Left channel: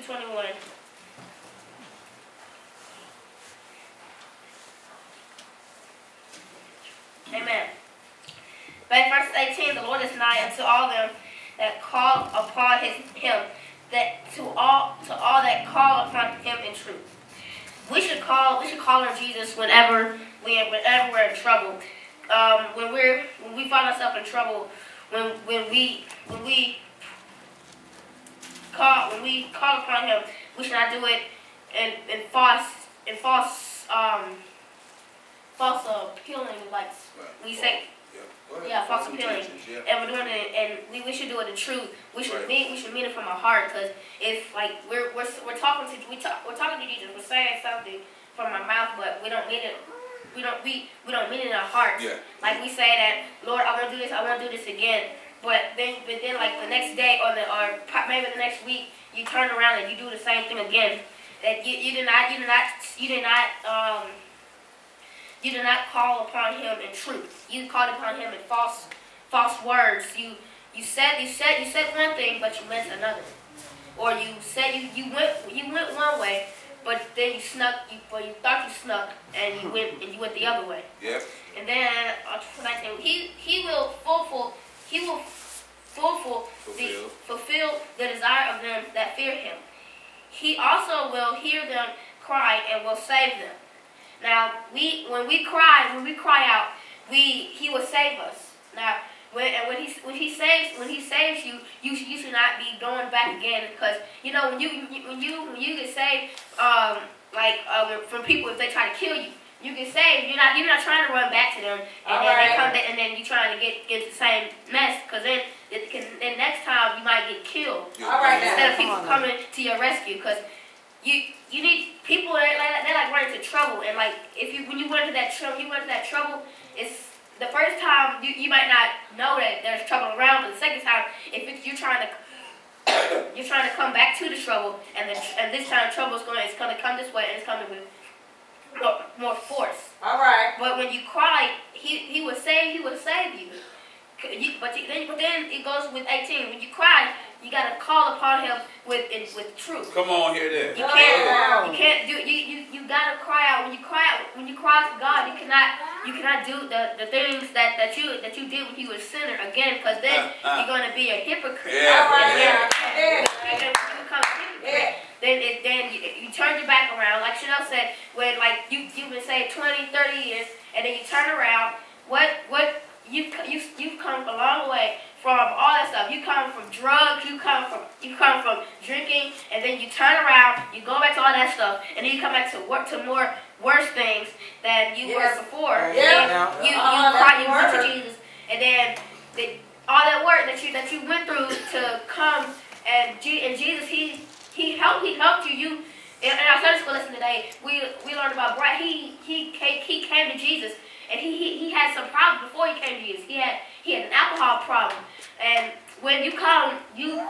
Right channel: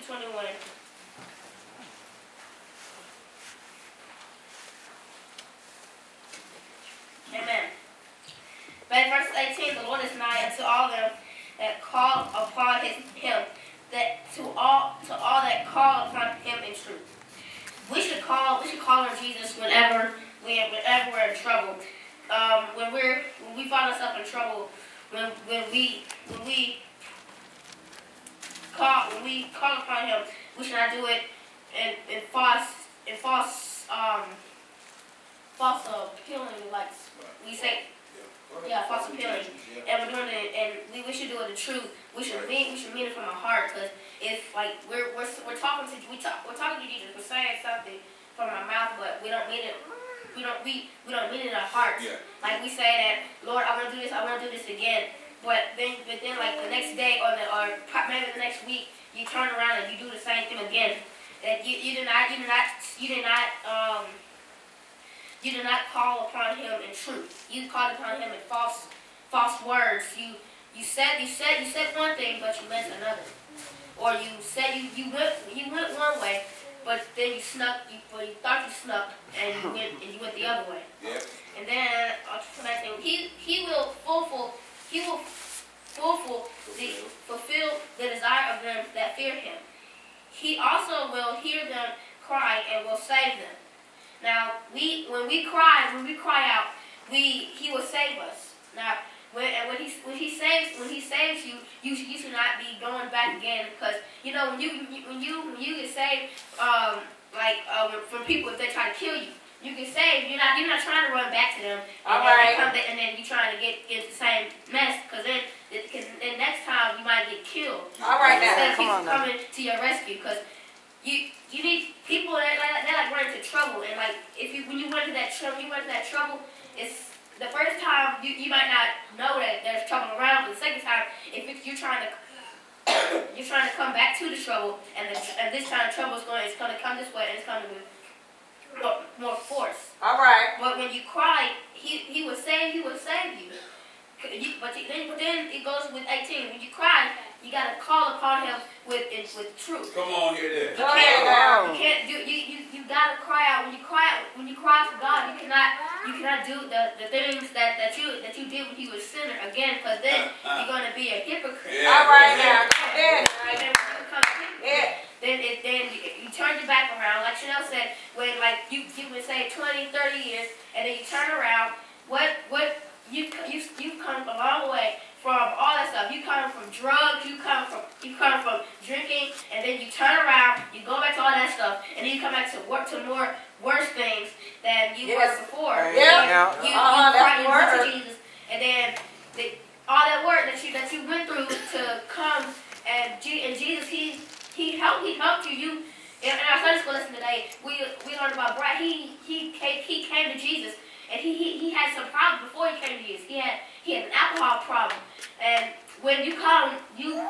to 21. Amen. But in verse 18, the Lord is nigh unto all them that call upon him, that to all that call upon him in truth. We should call on Jesus whenever we're in trouble. When we find ourselves in trouble, when we call upon him, we should not do it in false appealing, like we say. Yeah, false appealing, and we're doing it, and we should do it in truth. We should mean it from our heart, because if like we're talking to Jesus, we're saying something from our mouth, but we don't mean it. We don't mean it in our hearts. Yeah. Like we say that, Lord, I want to do this. I want to do this again. But then like the next day or maybe the next week, you turn around and you do the same thing again. That you did not call upon him in truth. You called upon him in false words. You said one thing, but you meant another. Or you said you went one way, but then you thought you snuck, and you went the other way. Yep. And then he will fulfill the desire of them that fear him. He also will hear them cry and will save them. Now, when we cry out, he will save us. Now, when he saves you, you should not be going back again, because when you get saved, from people, if they try to kill you, you get saved. You're not trying to run back to them, and then you're trying to get into the same mess, because then next time you might get killed. All right, instead of people coming to your rescue, because you need people that like run into trouble, and like when you run into that trouble, it's the first time you might not know that there's trouble around, but the second time, you're trying to come back to the trouble, and this time trouble it's going to come this way, and it's coming with more force. All right. But when you cry, he will save you. But then it goes with 18. When you cry, you gotta call upon him with truth. Come on, hear that. You can't do. You gotta cry out. When you cry to God, you cannot do the things that you did when you were a sinner again, because then you're gonna be a hypocrite. Yeah. All right. Yeah. Then you turn your back around, like Chanel said, when like you've been saved 20, 30 years, and then you turn around. You've come a long way from all that stuff. You come from drugs, you come from drinking, and then you turn around, you go back to all that stuff, and then you come back to more worse things than you were before. Yeah. You went to Jesus, and then all that work that you went through to come, and Jesus he helped you. In our Sunday school lesson today, we learned about Brad. He came to Jesus. And he had some problems before he came to Jesus. He had an alcohol problem, and when you come, it's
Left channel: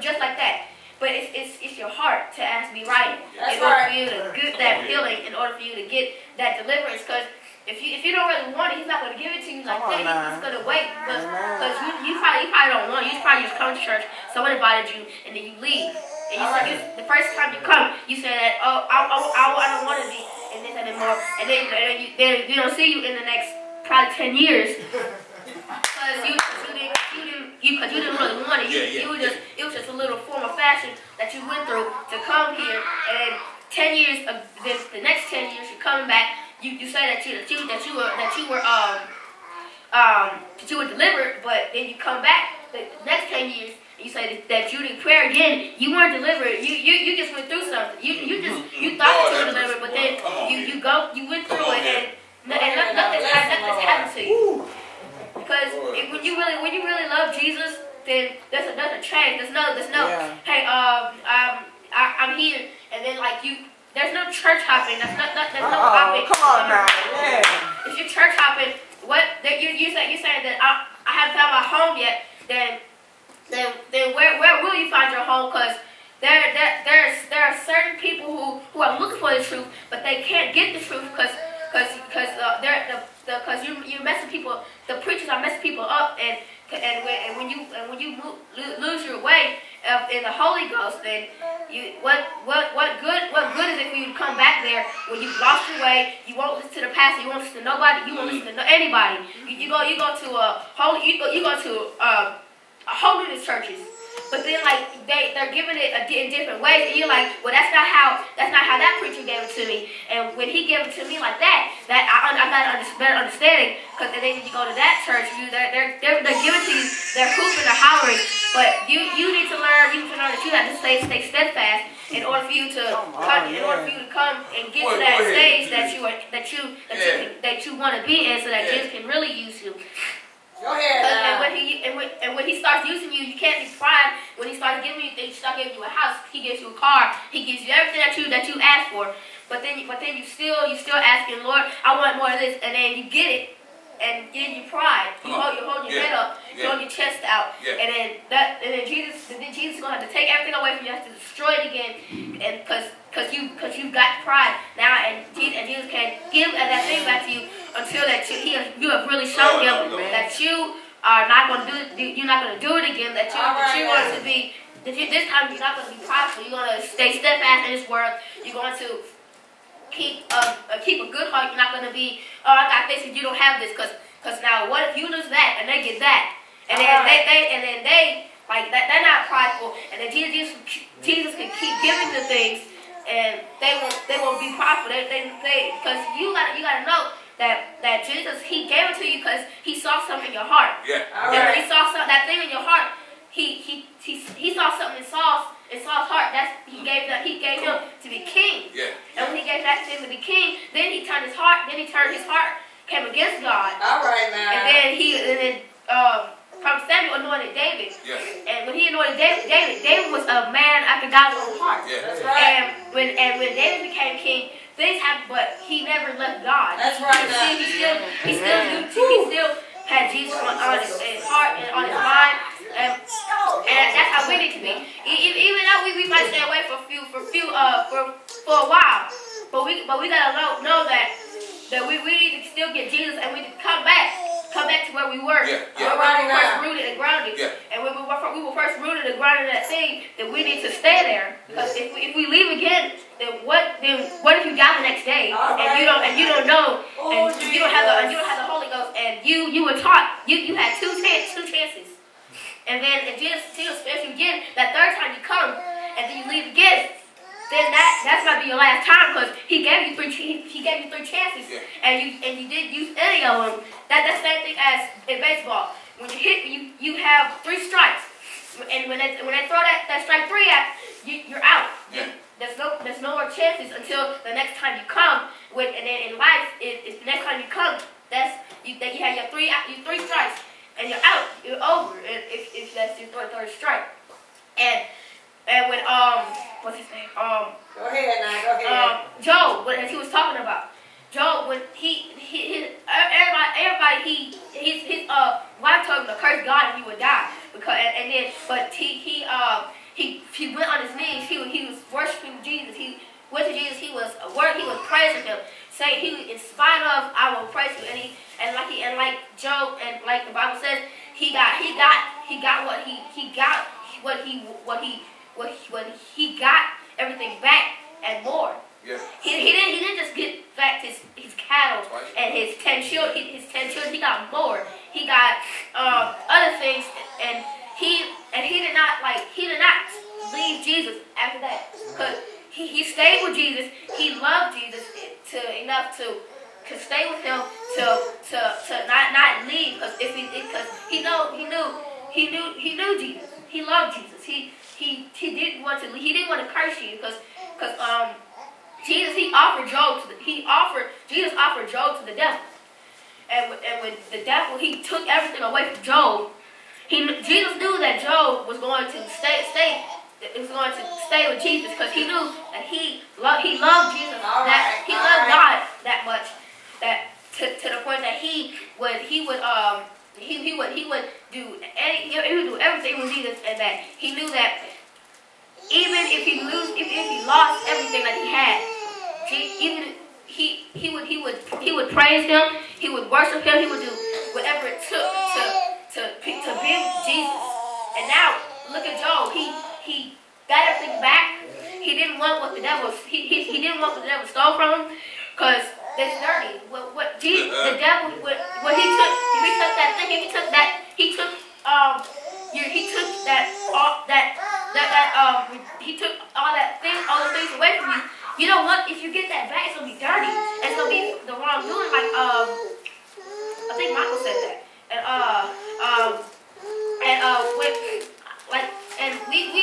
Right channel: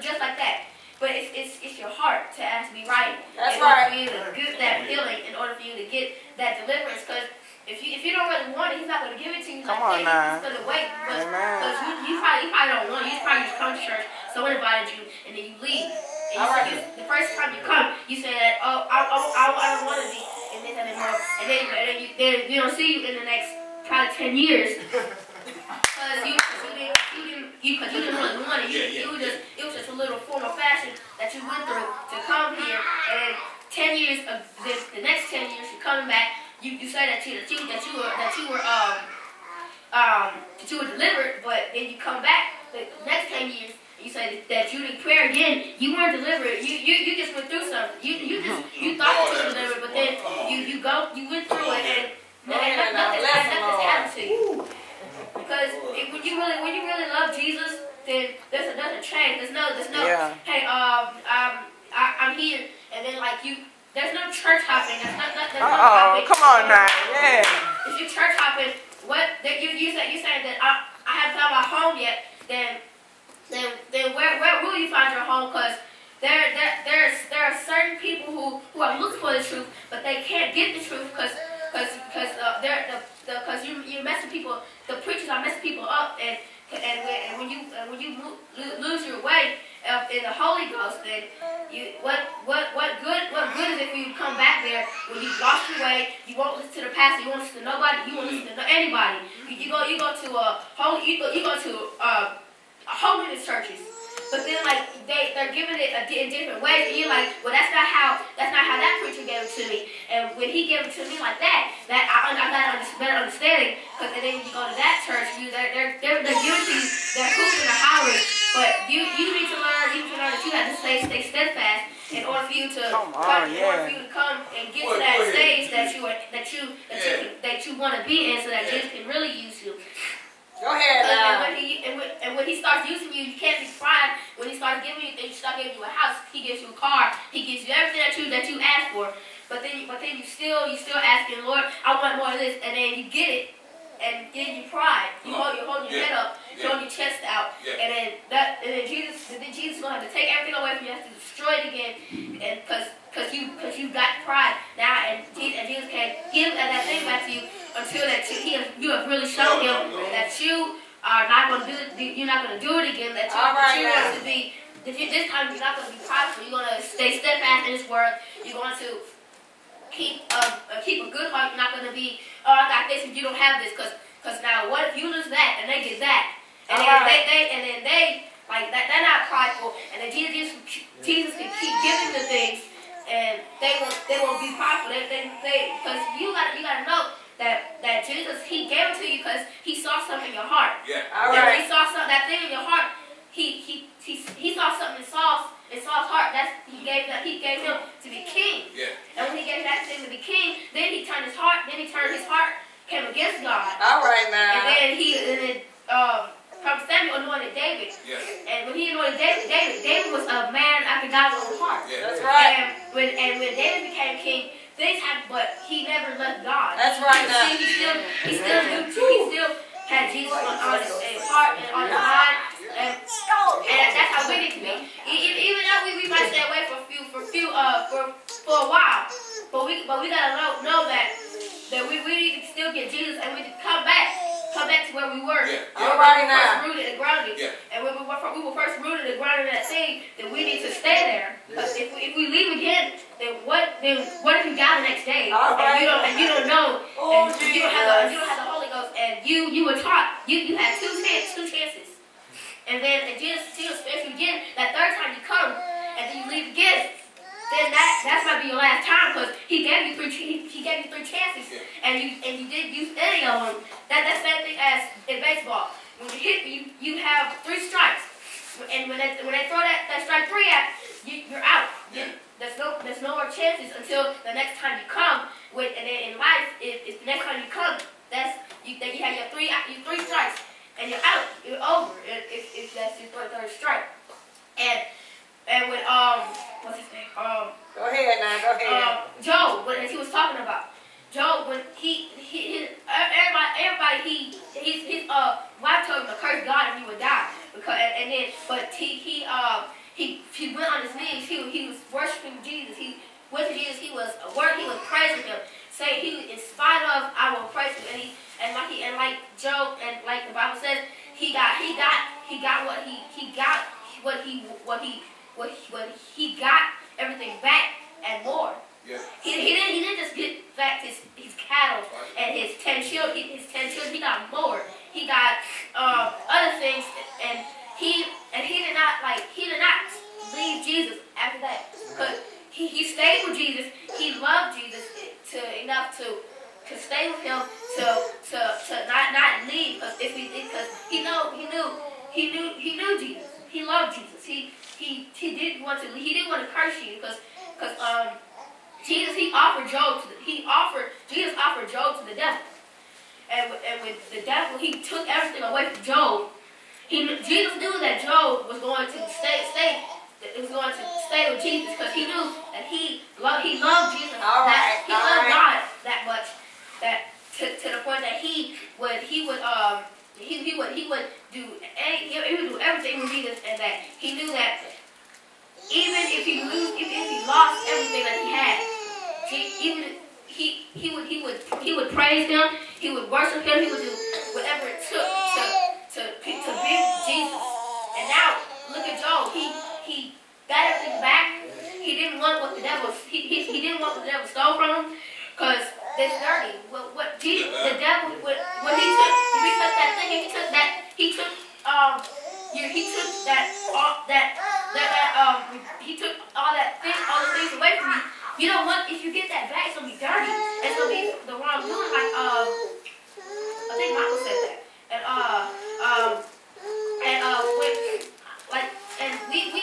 just like that. But it's your heart to ask to be right. In order for you to get that healing, in order for you to get that deliverance, because if you don't really want it, he's not going to give it to you like that. He's just going to wait, because you probably don't want it. You probably just come to church, someone invited you, and then you leave. And the first time you come, you say that, I don't want to be in this anymore, and then you don't see you in the next probably 10 years, because you didn't really want it. It was just a little form of fashion that you went through to come here, and 10 years of the next 10 years you're coming back. You say that you were delivered, but then you come back the next 10 years. You say that you didn't pray again. You weren't delivered. You just went through something. You thought that you were delivered, but then you went through it, and nothing happened to you. Because when you really love Jesus, then there's a change. There's no hey, I'm here, and then like there's no church hopping. There's no hopping. Come on now, yeah. If you're church hopping, you're saying that I haven't found my home yet, then where will you find your home? Because there are certain people who are looking for the truth, but they can't get the truth because you're messing people. The preachers are messing people up, and And when you lose your way in the Holy Ghost, then what good is it for you to come back there when you've lost your way? You won't listen to the pastor. You won't listen to nobody. You won't listen to anybody. You go to holiness churches. But then, like, they're giving it in different ways, and you're like, well, that's not how that preacher gave it to me. And when he gave it to me like that I got a better understanding. Because then when you go to that church, they're giving to you, they're hooping and hollering. But you need to learn that you have to stay steadfast in order for you to come and get to that stage that you want to be in, so that Jesus can really use you. Go ahead. And when he starts using you, you can't be pride. When he starts giving you things, he starts giving you a house, he gives you a car, he gives you everything that you ask for. But then you still asking, Lord, I want more of this, and then you get it, and then you pride. You hold your head up, you hold your chest out, and then Jesus is gonna have to take everything away from you, have to destroy it again, and because you've got pride now, and Jesus can't give that thing back to you until you have really shown him that you are not going to do it. You're not going to do it again. That you're going to be. This time you're not going to be prideful. You're going to stay steadfast in His word. You're going to keep a good heart. You're not going to be. Oh, I got this, and you don't have this. Because now, what if you lose that and they get that? And then they like that. They're not prideful. And then Jesus can keep giving the things, and they won't be prideful. Because you gotta know that Jesus, He gave it to you because He saw something in your heart. Yeah. All right. He saw that thing in your heart. He saw something in Saul's heart. He gave him to be king. Yeah. And when He gave that thing to be king, then He turned his heart. Came against God. All right, man. And then Prophet Samuel anointed David. Yeah. And when he anointed David was a man after God's own heart. Yeah. That's right. And when David became king, things happened, but he never left God. That's right. He still had Jesus on his heart and on his mind, and that's how we need to be. Even though we might stay away for a while, but we gotta know that we need to still get Jesus, and we need to come back to where we were. Yeah. We were first rooted and grounded. Yeah. And when we were first rooted and grounded in that thing, then we need to stay there. Because if we leave again, then what if you die the next day and you don't know, and you don't have the Holy Ghost, and you were taught you had two chances, and then if Jesus spares you again that third time you come and then you leave again, then that's not be your last time, because he gave you three chances, and you didn't use any of them. That's the same thing as in baseball. When you hit, you have 3 strikes, and when they throw that strike 3 at you're out. Yeah. There's no more chances until the next time you come. And then in life, if the next time you come, you have your 3 strikes, and you're out. You're over. If that's your third strike. And when what's his name? Go ahead now. Go ahead. Job, what he was talking about. Job, when his wife told him to curse God and he would die, he went on his knees. He was worshiping Jesus. He went to Jesus. He was praising Him, saying, in spite of, I will praise You. And like Job, and like the Bible says, he got everything back and more. Yeah. He didn't just get back his cattle and his 10 children. He got more. He got other things, and he did not leave Jesus after that, because he stayed with Jesus. He loved Jesus enough to stay with Him to not leave, because he knew Jesus. He loved Jesus. He didn't want to curse you, because Jesus offered Job to the devil, and when the devil, he took everything away from Job. Jesus knew that Job was going to stay with Jesus, because he knew that he loved Jesus, that he loved God that much, that to the point that he would do everything with Jesus, and that he knew that even if he lost everything that he had, he would praise Him, he would worship Him, he would do whatever it took to be with Jesus. And now look at Job. He got everything back. He didn't want what the devil stole from him, because it's dirty. What Jesus, the devil, when he took that thing, he took all the things away from you. You know what? If you get that back, it's gonna be dirty. It's gonna be the wrongdoing. Like I think Michael said that. And we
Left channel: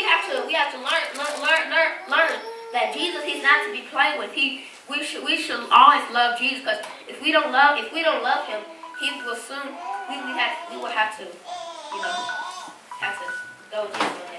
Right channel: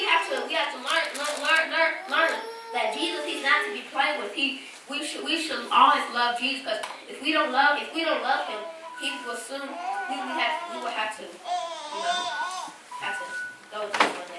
have to learn that Jesus, he's not to be played with. We should always love Jesus, because if we don't love him, he will soon we will have to, have to go to him.